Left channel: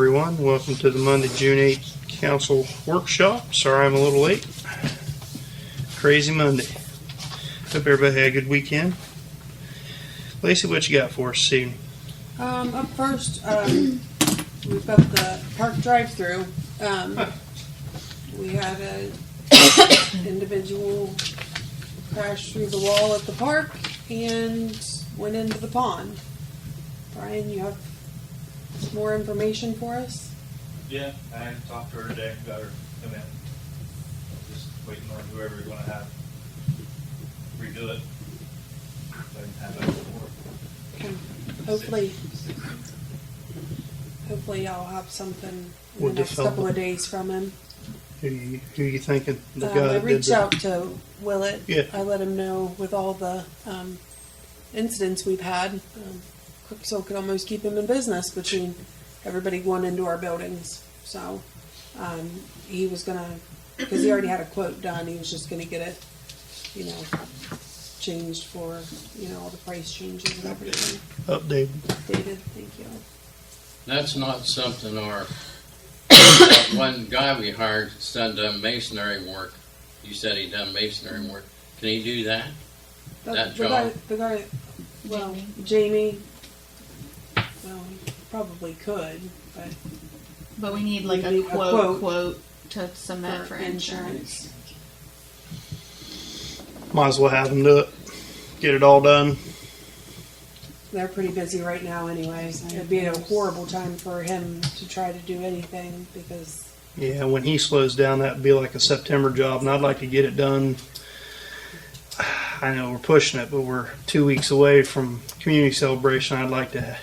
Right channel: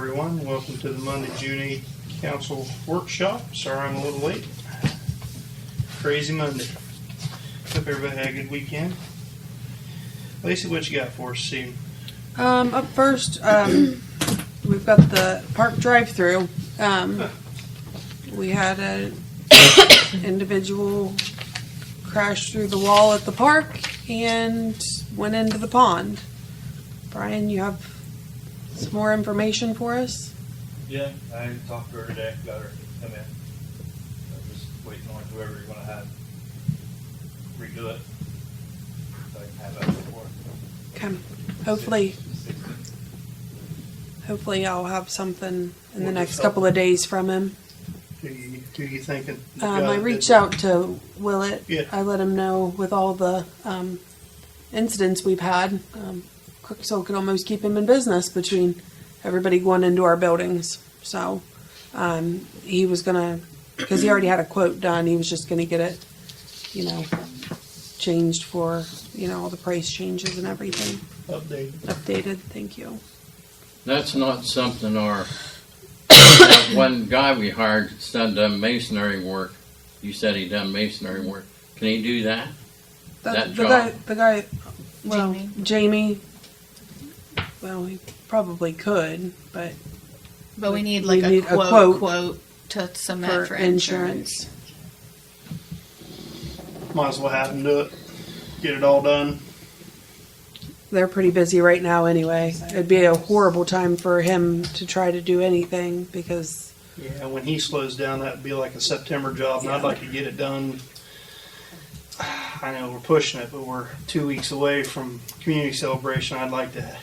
everyone. Welcome to the Monday, June 8th Council Workshop. Sorry I'm a little late. Crazy Monday. Hope everybody had a good weekend. Lacey, what you got for us this evening? Up first, we've got the park drive-through. We had an individual crash through the wall at the park and went into the pond. Brian, you have some more information for us? Yeah, I talked to her today, got her come in. I'm just waiting on whoever you're gonna have redo it. So I can have that report. Okay. Hopefully I'll have something in the Would next this help? couple of days from him. Who you thinking? The guy I that did reached the- out to Willett. Yeah. I let him know with all the incidents we've had. Crooksville could almost keep him in business between everybody going into our buildings. So he was gonna, because he already had a quote done, he was just gonna get it, changed for, all the price changes and everything. Update. Updated, thank you. That's not something that one guy we hired done masonry work. You said he done masonry work. Can he do that? That job? The guy, well, Jamie. well, he probably could, but But we need like We a need a quote to submit for insurance. Might as well have him do it. Get it all done. they're pretty busy right now anyway. It'd be a horrible time for him to try to do anything because, Yeah, when he slows down, that'd be like a September job, and I'd like to get it done. I know we're pushing it, but we're 2 weeks away from community celebration. I'd like to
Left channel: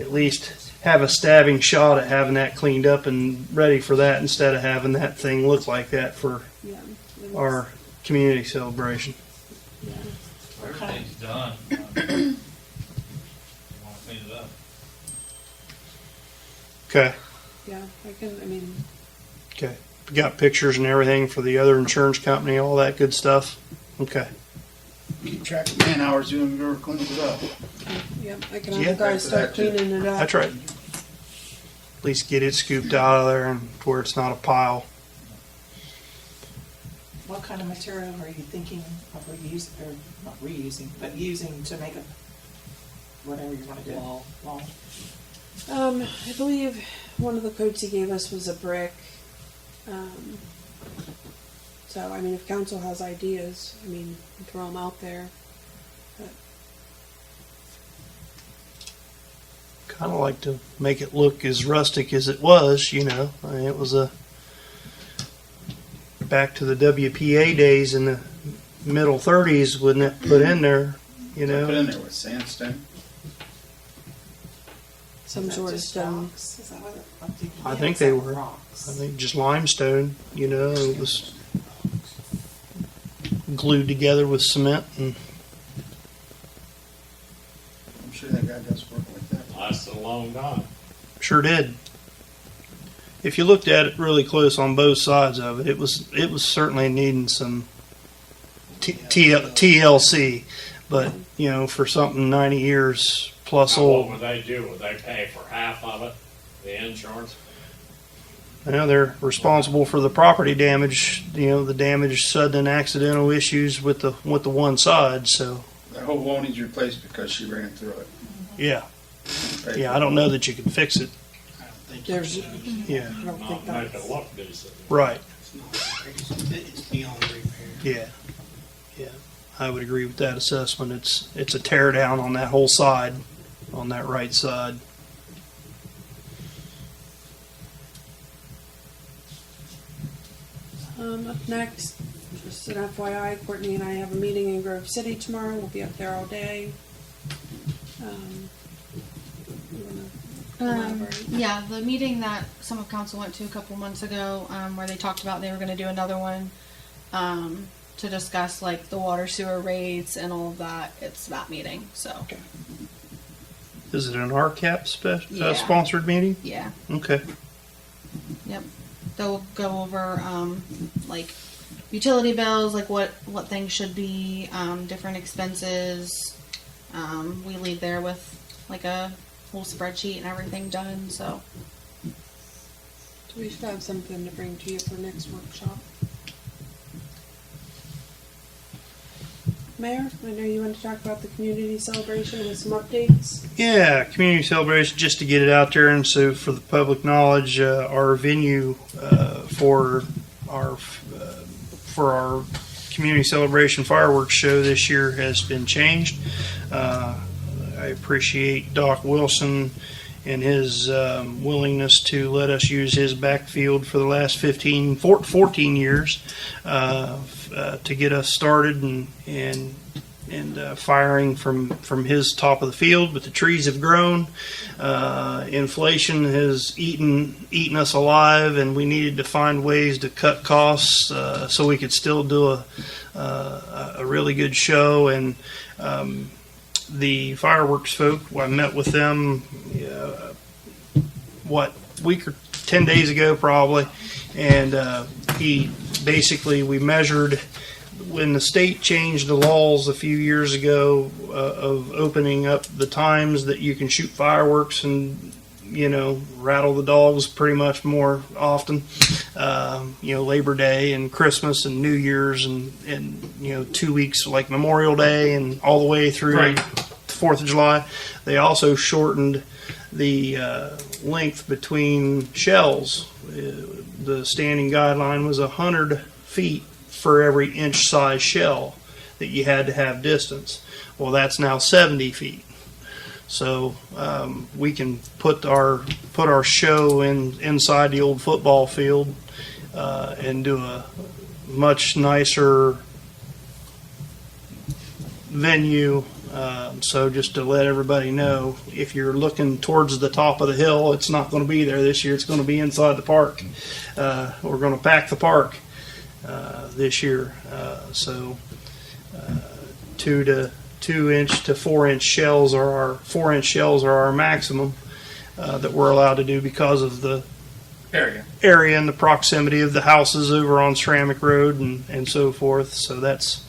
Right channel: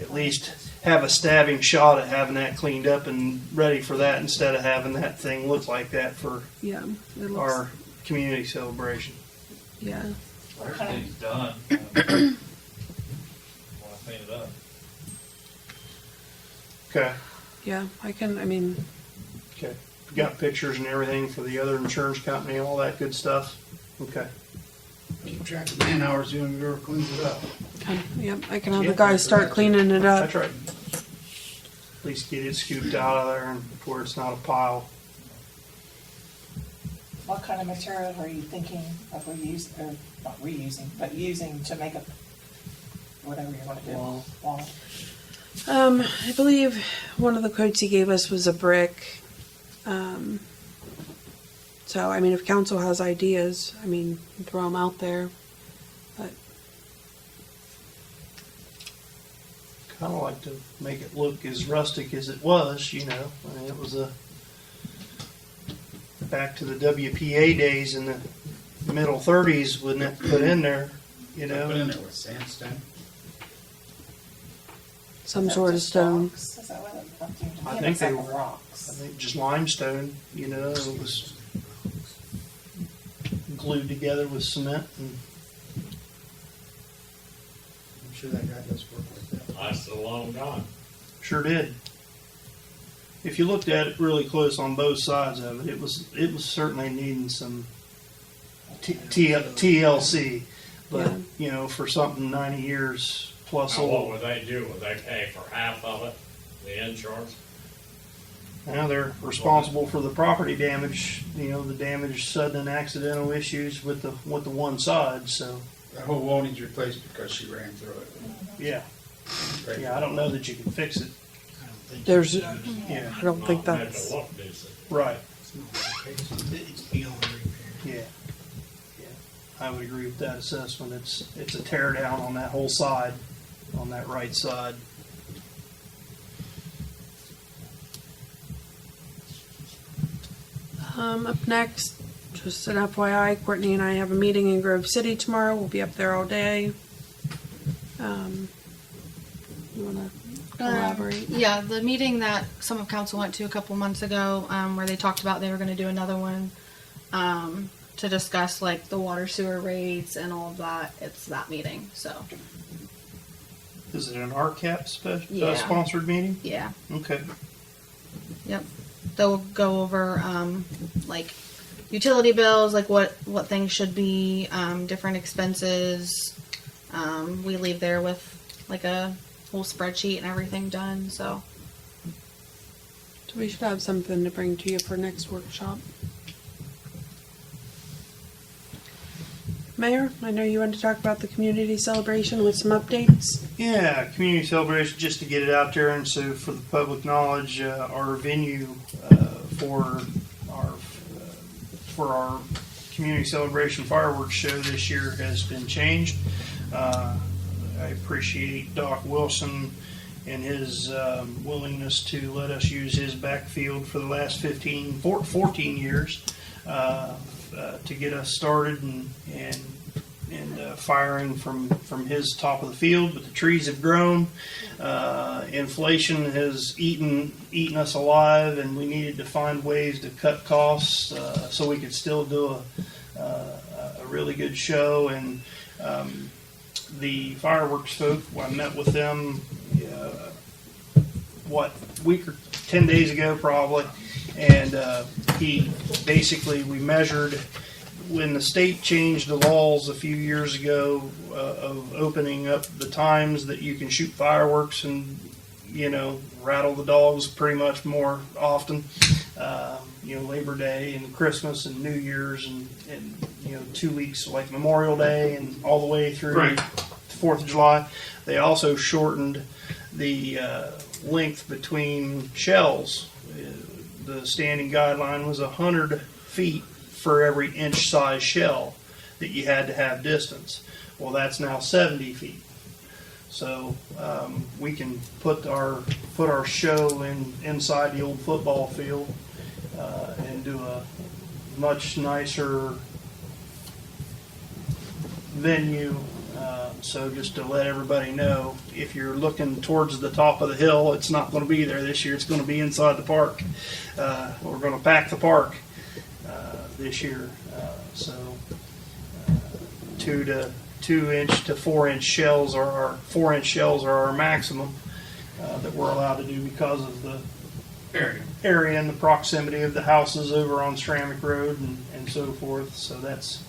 at least have a stabbing shot at having that cleaned up and ready for that instead of having that thing look like that for yeah, it looks, our community celebration. yeah. Everything's done. Wanna clean it up. Okay. Yeah, Okay. We got pictures and everything for the other insurance company, all that good stuff. Okay. Keep track of man hours doing your cleans it up. yep, I can have Yeah. the guys start cleaning it up. That's right. At least get it scooped out of there and to where it's not a pile. What kind of material are you thinking of reusing, or not reusing, but using to make a, whatever you wanna do? Wall. I believe one of the quotes he gave us was a brick. So, if council has ideas, throw them out there. But Kind of like to make it look as rustic as it was, I mean, it was back to the WPA days in the middle 30s, wouldn't it? Put in there, Put in there with sandstone. some Is that sort of just stone. rocks? Is that what it? I Yeah, think it's they like were. rocks. I think just limestone, it was glued together with cement and I'm sure that guy does work like that. Lasts a long time. sure did. If you looked at it really close on both sides of it, it was certainly needing some TLC, but for something 90 years plus Now, what old, would they do? Would they pay for half of it, the insurance? they're responsible for the property damage. The damage, sudden and accidental issues with the one side. So That whole wall needs replaced because she ran through it. yeah, Right? I don't know that you can fix it. There's, Yeah, I don't think Not make that's, it look decent. right. It's beyond repair. Yeah, I would agree with that assessment. It's a tear down on that whole side, on that right side. up next, just an FYI, Courtney and I have a meeting in Grove City tomorrow. We'll be up there all day. You wanna elaborate? Yeah, the meeting that some of council went to a couple months ago, where they talked about they were going to do another one to discuss like the water sewer rates and all of that. It's that meeting, so Is it an RCAP Yeah. sponsored meeting? yeah, Okay. yep. They'll go over like utility bills, like what things should be, different expenses. We leave there with like a whole spreadsheet and everything done. So So we should have something to bring to you for next workshop. Mayor, I know you wanted to talk about the community celebration with some updates. Yeah, community celebration, just to get it out there, and so for the public knowledge, our venue for our community celebration fireworks show this year has been changed. I appreciate Doc Wilson and his willingness to let us use his backfield for the last 14 years to get us started and firing from his top of the field. But the trees have grown. Inflation has eaten us alive, and we needed to find ways to cut costs so we could still do a really good show. And the fireworks folk, I met with them, week or 10 days ago probably, and we measured when the state changed the laws a few years ago of opening up the times that you can shoot fireworks and rattle the dogs pretty much more often. Labor Day and Christmas and New Year's and 2 weeks like Memorial Day and all the way through Right. the 4th of July. They also shortened the length between shells. The standing guideline was 100 feet for every inch size shell that you had to have distance. Well, that's now 70 feet. So we can put our show inside the old football field and do a much nicer venue. So just to let everybody know, if you're looking towards the top of the hill, it's not going to be there this year. It's going to be inside the park. We're going to pack the park this year. So 2 inch to 4 inch shells are our 4 inch shells are our maximum that we're allowed to do because of the area and the proximity of the houses over on Ceramic Road and so forth. So that's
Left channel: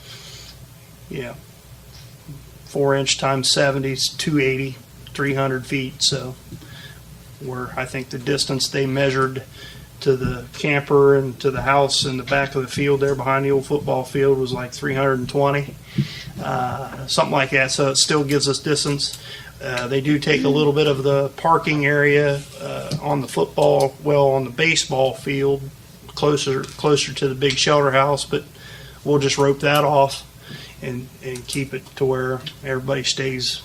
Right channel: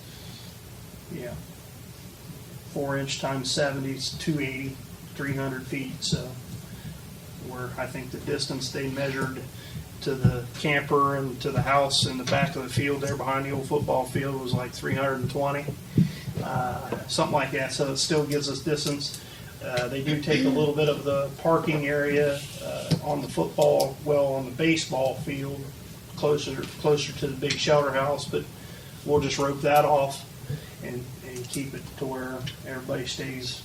4 inch times 70 is 280, 300 feet. So I think the distance they measured to the camper and to the house in the back of the field there behind the old football field was like 320, something like that. So it still gives us distance. They do take a little bit of the parking area on the baseball field closer to the big shelter house, but we'll just rope that off and keep it to where everybody stays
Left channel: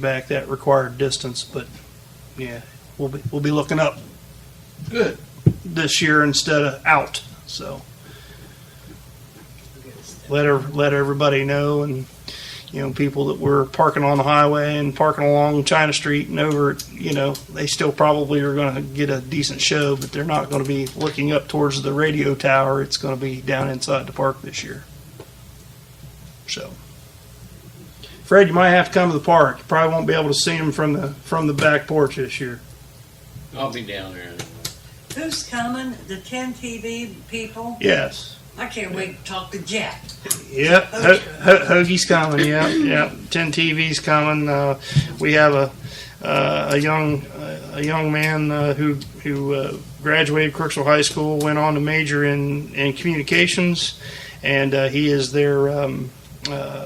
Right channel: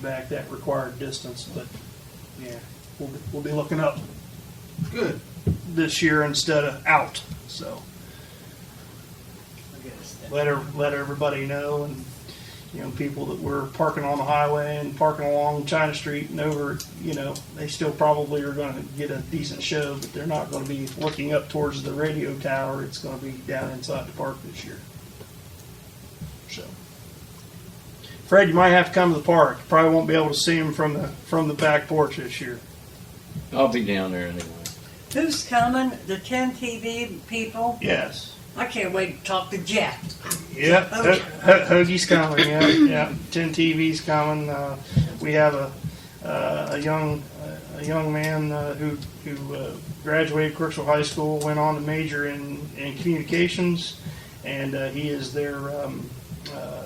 back that required distance. But yeah, we'll be looking up Good. this year instead of out. So let everybody know, and people that were parking on the highway and parking along China Street and over, they still probably are going to get a decent show, but they're not going to be looking up towards the radio tower. It's going to be down inside the park this year. So, Fred, you might have to come to the park. You probably won't be able to see them from the back porch this year. I'll be down there anyway. Who's coming? The 10 TV people? Yes. I can't wait to talk to Jack. Yep, Hoagie's coming. Yep. 10 TV's coming. We have a young man who graduated Crooksville High School, went on to major in communications, and he is their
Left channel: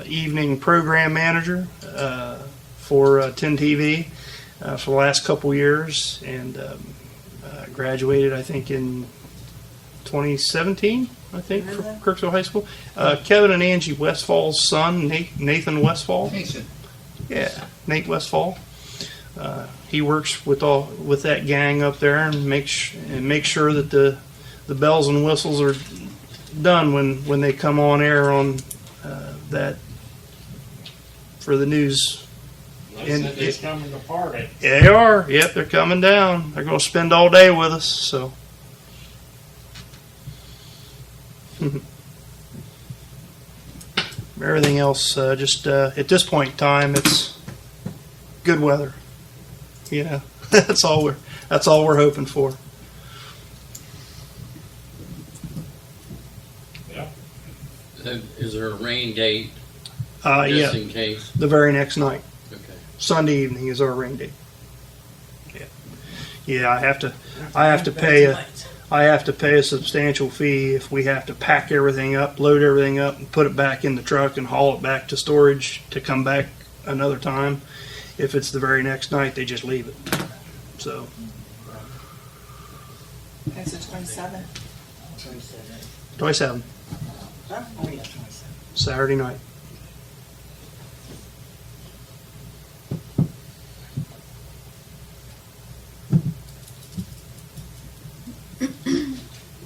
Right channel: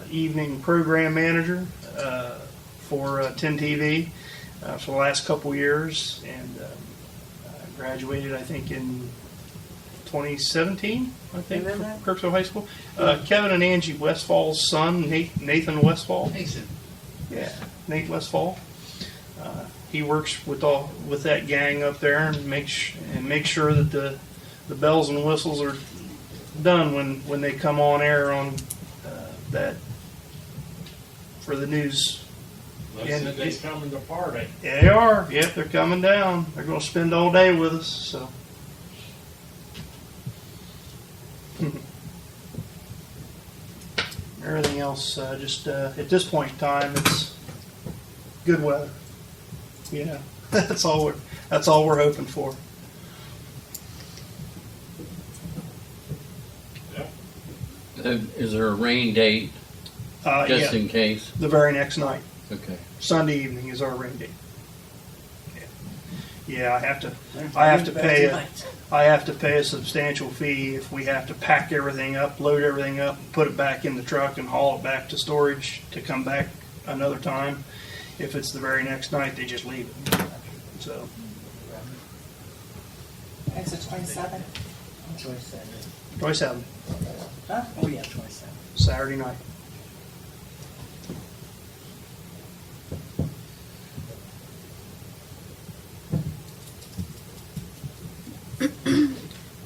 evening program manager for 10 TV for the last couple years, and graduated I think in 2017. I think, Remember from that? Crooksville High School. Kevin and Angie Westfall's son, Nathan Westfall. Mason. Yeah, Nate Westfall. He works with that gang up there and make sure that the bells and whistles are done when they come on air on that for the news. They said they's coming to party. Yeah, they are. Yep, they're coming down. They're going to spend all day with us. So. Everything else, just at this point in time, it's good weather. That's all we're hoping for. Is there a rain date just Yeah, in case? the very next night, Okay. Sunday evening is our rain date. Yeah, I have to pay a substantial fee if we have to pack everything up, load everything up, and put it back in the truck and haul it back to storage to come back another time. If it's the very next night, they just leave it. So, It's the 27th. 27, Huh? Oh, yeah, 27. Saturday night.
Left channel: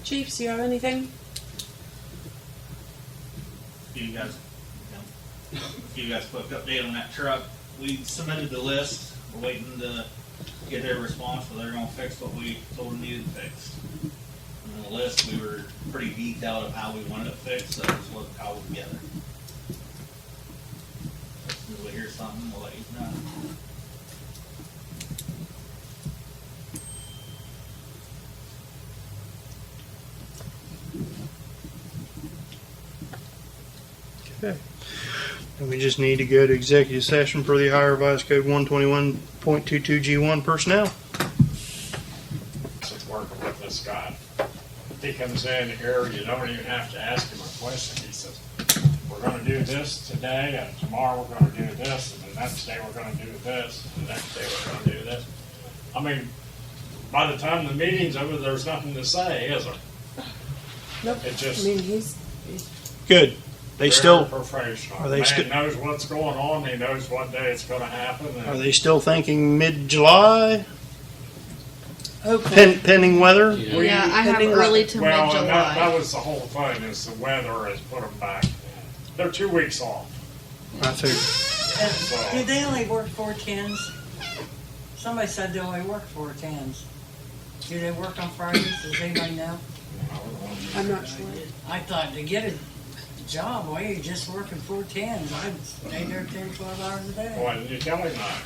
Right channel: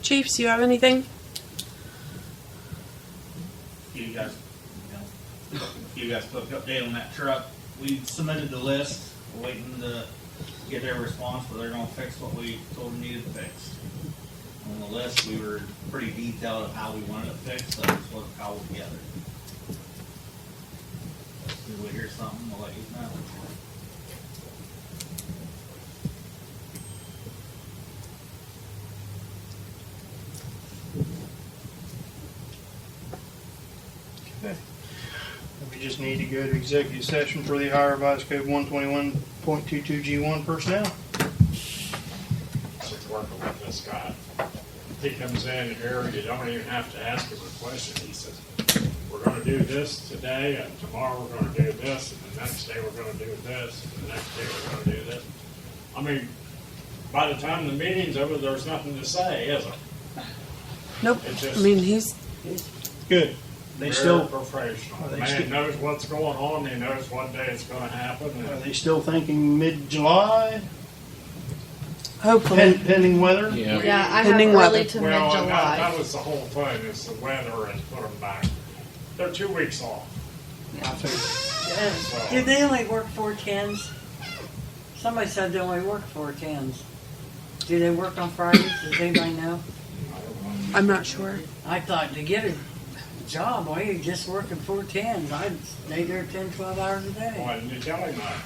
Chiefs, you have anything? You guys put an update on that truck. We submitted the list, we're waiting to get their response, but they're gonna fix what we told them needed fixed. On the list, we were pretty detailed of how we wanted it fixed, so that's what, how we get it. If we hear something, we'll let you know. Okay. And we just need to go to executive session for the Ohio Revised Code 121.22G1 personnel. Since working with this guy, he comes in here, you don't even have to ask him a question. He says, we're gonna do this today, and tomorrow we're gonna do this, and the next day we're gonna do this, and the next day we're gonna do this. I mean, by the time the meeting's over, there's nothing to say, is there? Nope. It just- I mean, he's Good. They Very still, professional. are they Man still- knows what's going on, he knows what day it's gonna happen. and- are they still thinking mid-July, hopefully. pending weather? Yeah. Yeah, I have Pending early weather. to Well, and mid-July. that was the whole thing, is the weather has put them back. They're 2 weeks off, I figured. so. Do they only work 410s? Somebody said they only work 410s. Do they work on Fridays? Does anybody know? I'm not sure. I thought to get a job, why you just working 410s? I'd stay there 10, 12 hours a day. Why didn't you tell him that?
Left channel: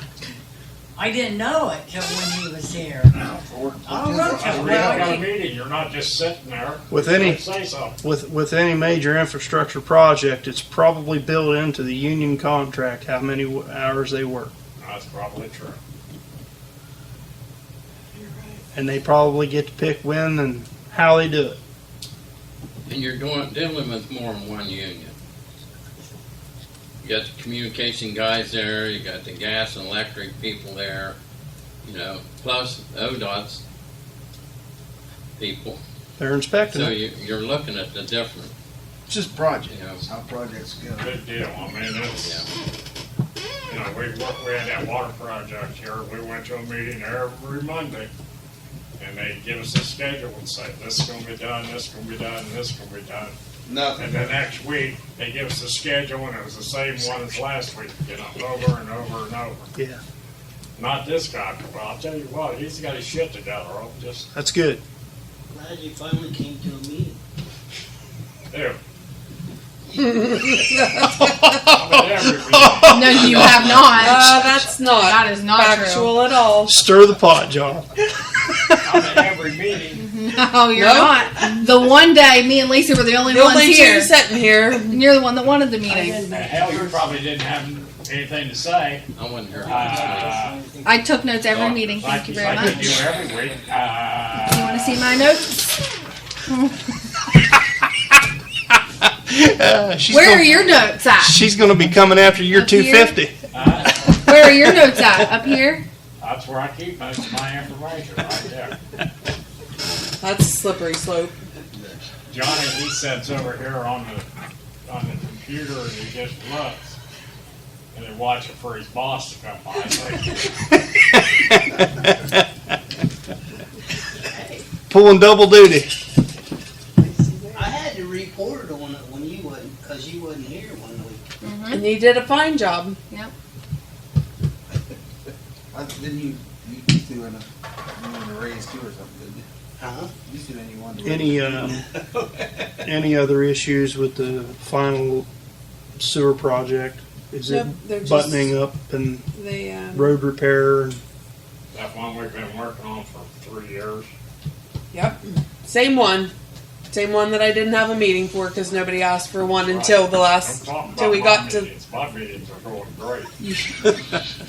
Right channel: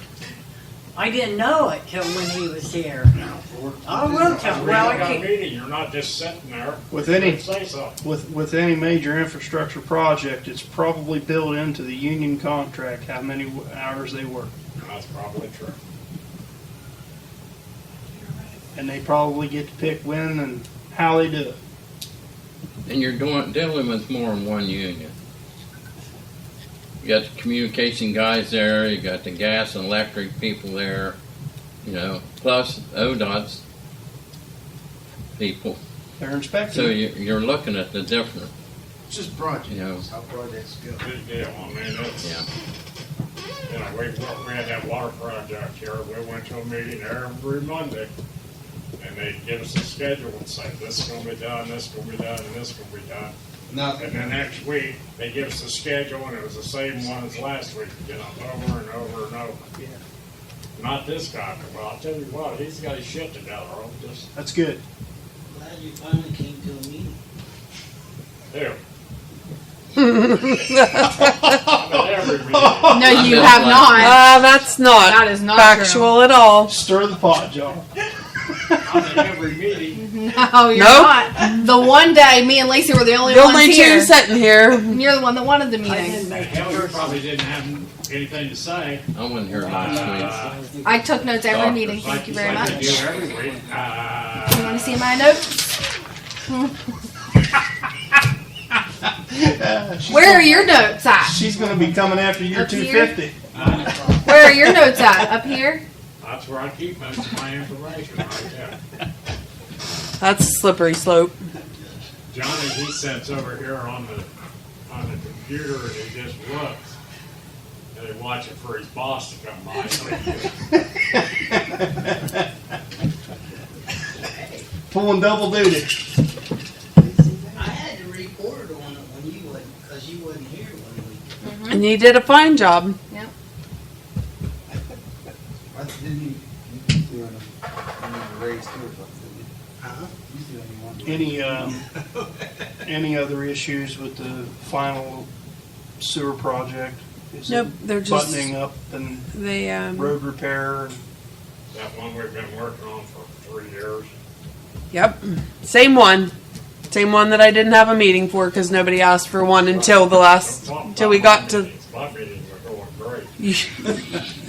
I didn't know it till when he was here. I will Well, tell, we well, got a I meeting, you're not just sitting there. With You any- don't say so. With any major infrastructure project, it's probably built into the union contract how many hours they work. That's probably true. And they probably get to pick when and how they do it. And you're dealing with more than one union. You got the communication guys there, you got the gas and electric people there, you know, plus ODOT's people. They're inspecting So it. you're looking at the different, It's just projects, you know, how projects go. Big deal, I mean, it's, yeah. you know, we had that water project here, we went to a meeting every Monday. And they give us a schedule and say, this is gonna be done, this is gonna be done, this is gonna be done. Nothing. And the next week, they give us a schedule and it was the same one as last week, you know, over and over and over. Yeah, Not this guy, but I'll tell you what, he's got his shit together, I'll just, that's good. Glad you finally came to a meeting. do. I'm at every meeting. No, you have not. That's not That is not factual at all. Stir the pot, John. I'm at every meeting. No, you're Nope. not. The one day, me and Lacey were the only The ones only here. two sitting here. And you're the one that wanted the meeting. And hell, you probably didn't have anything to say. I wasn't here last week. I took notes every meeting. Thank you very Like you much. do every week. You want to see my notes? Where are your notes at? She's gonna be coming after your Up here? 250. Where are your notes at? Up here? That's where I keep most of my information, right there. That's a slippery slope. Johnny, he sits over here on the computer and he just looks. And he watches for his boss to come by. Pulling double duty. I had to report it on it when you wasn't, cause you wasn't here one week. And you did a fine job. Yep. Didn't you do a raise too or something, didn't you? Huh? You do anyone? Any other issues with the final sewer project? Is Nope, they're it just- buttoning up and They road repair? And That one we've been working on for 3 years. Yep. Same one. Same one that I didn't have a meeting for because nobody asked for one until the last, I'm talking till we about got my to. meetings. My meetings are going great.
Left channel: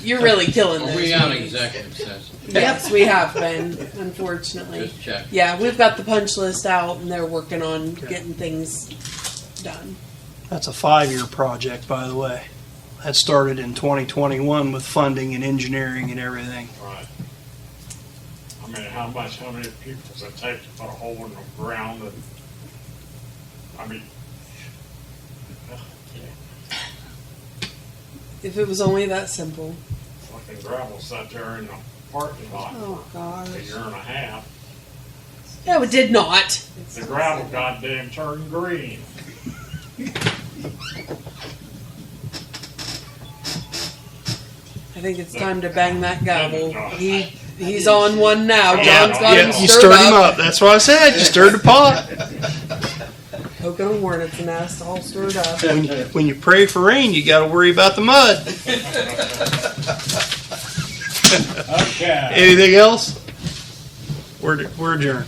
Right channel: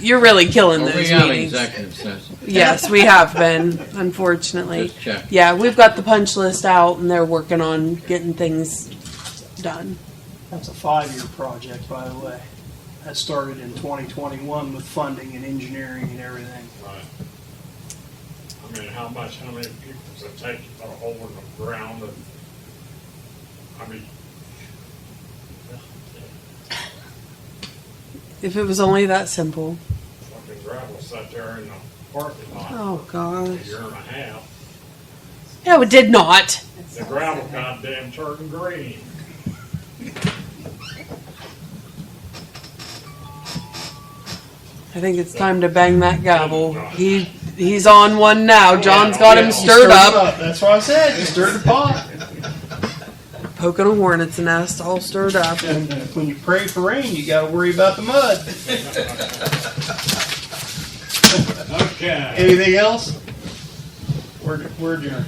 you're really killing Are those we out of meetings. executive session? Yes, we have been, unfortunately. Just check. Yeah, we've got the punch list out and they're working on getting things done. That's a 5-year project, by the way. That started in 2021 with funding and engineering and everything. Right. I mean, how many people does it take to put a hole in the ground and, I mean, yeah, If it was only that simple. fucking gravel sat there in the parking lot Oh, for gosh. a year and a half. No, it did not. The gravel goddamn turned green. I think it's time to bang that gavel. He's on one now. John's got him You stirred stirred him up. up. That's what I said. You stirred the pot. Poking a hornet's nest, all stirred up. When you pray for rain, you got to worry about the mud. Okay. Anything else? We're adjourned.